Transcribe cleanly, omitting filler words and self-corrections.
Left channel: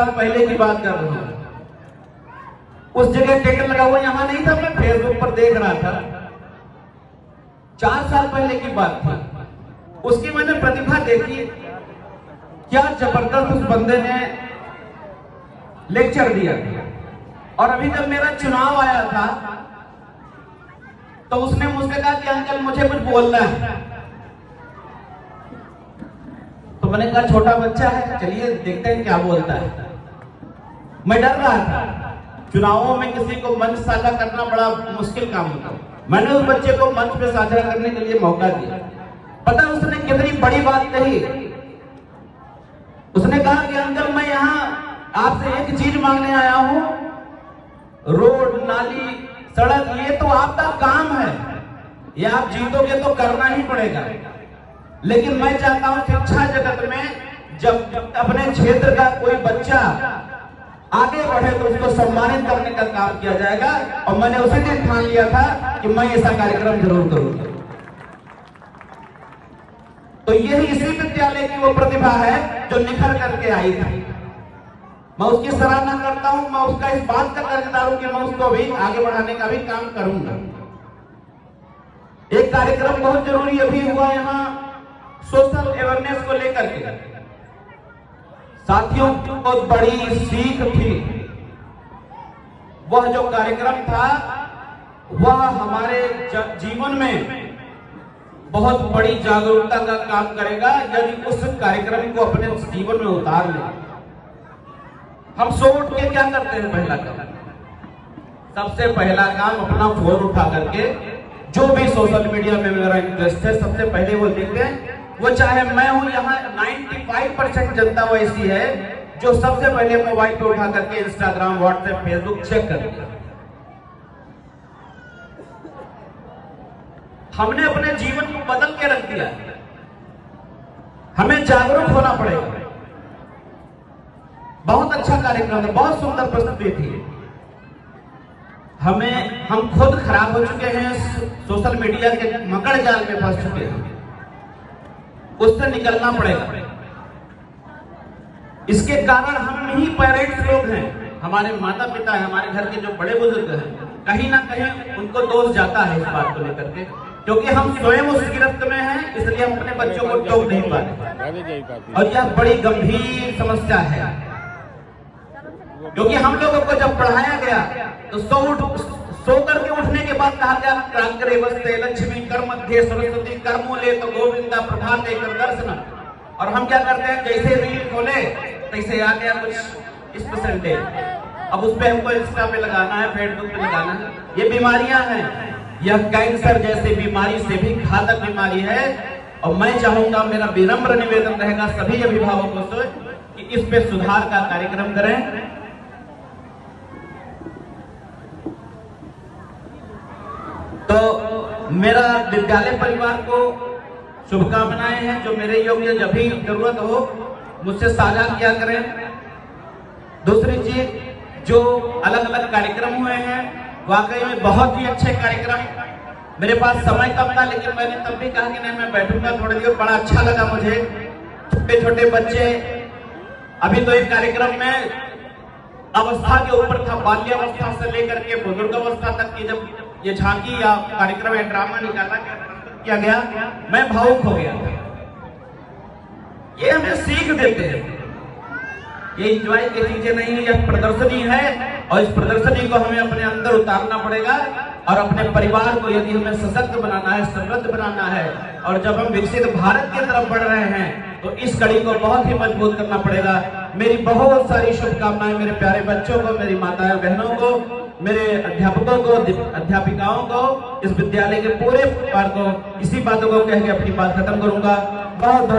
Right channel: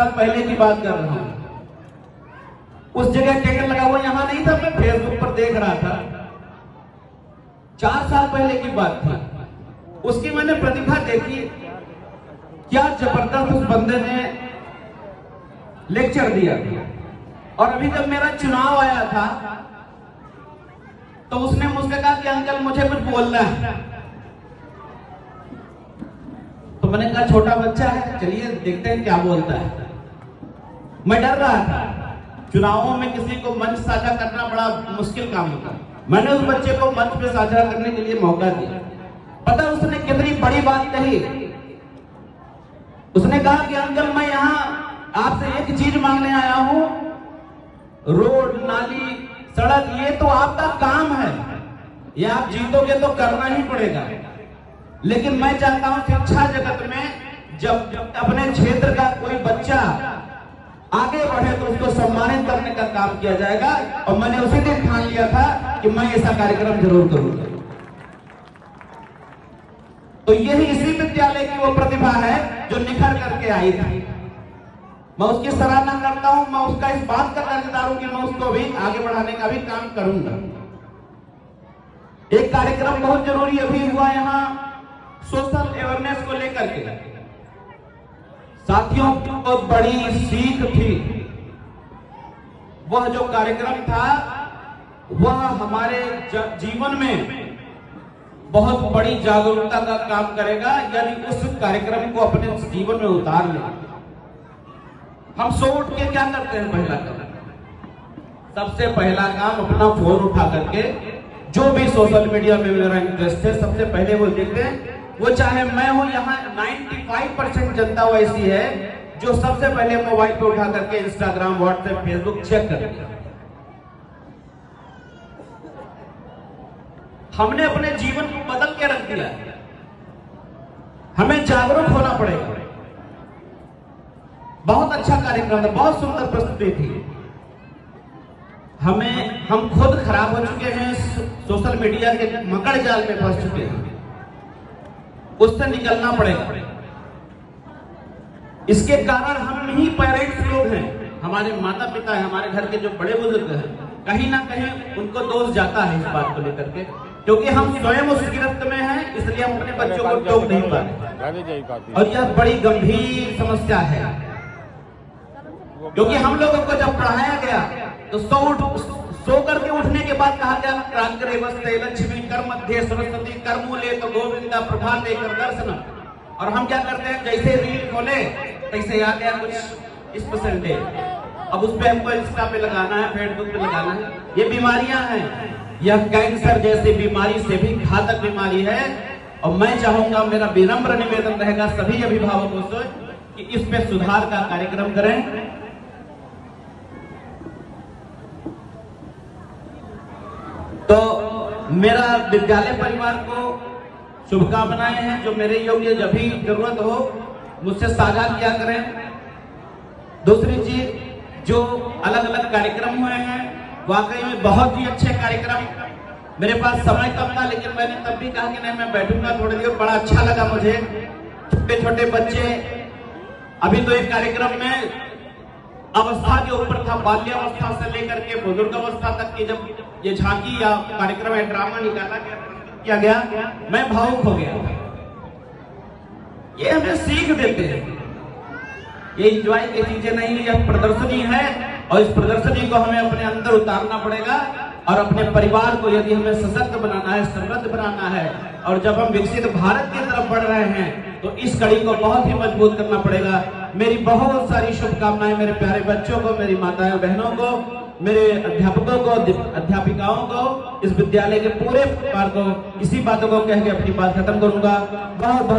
साल पहले की बात कर रहा हूं। उस जगह टिकट लगा हुआ यहां नहीं था, मैं फेसबुक पर देख रहा था। 4 साल पहले की बात थी। उसकी मैंने प्रतिभा देखी, क्या जबरदस्त उस बंदे ने लेक्चर दिया। और अभी जब मेरा चुनाव आया था तो उसने मुझसे कहा कि अंकल मुझे कुछ बोलना है। तो मैंने कहा छोटा बच्चा है, चलिए देखते हैं क्या बोलता है। मैं डर रहा था, चुनावों में किसी को मंच साझा करना बड़ा मुश्किल काम होता। मैंने उस बच्चे को मंच पे साझा करने के लिए मौका दिया। पता उसने कितनी बड़ी बात कही। उसने कहा कि अंकल मैं यहाँ आपसे एक चीज मांगने आया हूं, रोड नाली सड़क ये तो आपका काम है, ये आप जीतोगे तो करना ही पड़ेगा। लेकिन मैं चाहता हूं शिक्षा जगत में जब अपने क्षेत्र का कोई बच्चा आगे बढ़े तो उसको सम्मानित करने का काम किया जाएगा। और मैंने उसी दिन ठान लिया था कि मैं ऐसा कार्यक्रम जरूर करूंगा। तो यही इसी विद्यालय की वो प्रतिभा है जो निखर करके आई थी। मैं उसकी सराहना करता हूं। मैं उसका इस बात का कर्जदार हूं कि मैं उसको भी आगे बढ़ाने का भी काम करूंगा। एक कार्यक्रम बहुत जरूरी अभी हुआ यहाँ सोशल अवेयरनेस को लेकर के। साथियों को बड़ी सीख थी। वह जो कार्यक्रम था वह हमारे जीवन में बहुत बड़ी जागरूकता का काम करेगा यदि उस कार्यक्रम को अपने जीवन में उतार ले। हम सो उठ के क्या करते हैं? पहला काम, सबसे पहला काम अपना फोन उठा करके जो भी सोशल मीडिया में मेरा इंटरेस्ट है सबसे पहले वो देखते हैं। वो चाहे मैं हूं, यहाँ 95% जनता वैसी है जो सबसे पहले मोबाइल को उठा करके इंस्टाग्राम, व्हाट्सएप, फेसबुक चेक करते हैं। हमने अपने जीवन को बदल के रख दिया। हमें जागरूक होना पड़ेगा। बहुत अच्छा कार्यक्रम है, बहुत सुंदर प्रस्तुति थी। हम खुद खराब हो चुके हैं, सोशल मीडिया के मकड़ जाल में फंस चुके हैं। उससे निकलना पड़ेगा। इसके कारण हम ही पेरेंट्स लोग हैं, हमारे माता पिता हैं, हमारे घर के जो बड़े बुजुर्ग हैं, कहीं ना कहीं उनको दोष जाता है इस बात को लेकर के, क्योंकि हम स्वयं उस गिरफ्त में हैं, इसलिए हम अपने बच्चों को टोक नहीं पाते। और यह बड़ी गंभीर समस्या है, क्योंकि हम लोगों को जब पढ़ाया गया तो सो करके उठने के बाद कहा गया क्रांतिरेवस्ते लक्ष्मी कर मध्य सरस्वती कर्मूले तो गोविंदा प्रभाते कर दर्शन। और हम क्या करते हैं, जैसे रील खोले तैसे आ गया कुछ इस परसेंटेज, अब उस पे हमको इंस्टा पे लगाना है, फेसबुक पे लगाना है। ये बीमारियां हैं, यह कैंसर जैसी बीमारी से भी घातक बीमारी है। और मैं चाहूंगा, मेरा विनम्र निवेदन रहेगा सभी अभिभावकों से कि इस पे सुधार का कार्यक्रम करें। तो मेरा विद्यालय परिवार को शुभकामनाएं हैं। जो मेरे योग्य जब भी जरूरत हो मुझसे साझा किया करें। दूसरी चीज, जो अलग अलग कार्यक्रम हुए हैं वाकई में बहुत ही अच्छे कार्यक्रम। मेरे पास समय कम था लेकिन मैंने तब भी कहा कि नहीं मैं बैठूंगा थोड़ी देर। बड़ा अच्छा लगा मुझे। छोटे छोटे बच्चे, अभी तो एक कार्यक्रम में अवस्था के ऊपर था, बाल्यावस्था से लेकर के बुजुर्ग अवस्था तक की जब ये झांकी या कार्यक्रम या ड्रामा निकाला किया गया, मैं भावुक हो गया। ये हमें सीख देते हैं, ये एंजॉय की चीजें नहीं, यह प्रदर्शनी है और इस प्रदर्शनी को हमें अपने अंदर उतारना पड़ेगा। और अपने परिवार को यदि हमें सशक्त बनाना है, समृद्ध बनाना है, और जब हम विकसित भारत की तरफ बढ़ रहे हैं तो इस कड़ी को बहुत ही मजबूत करना पड़ेगा। मेरी बहुत सारी शुभकामनाएं मेरे प्यारे बच्चों को, मेरी माताएं बहनों को, मेरे अध्यापकों को, अध्यापिकाओं को, इस विद्यालय के पूरे परिवार को। इसी बातों को कह के अपनी बात खत्म करूंगा। बहुत बहुत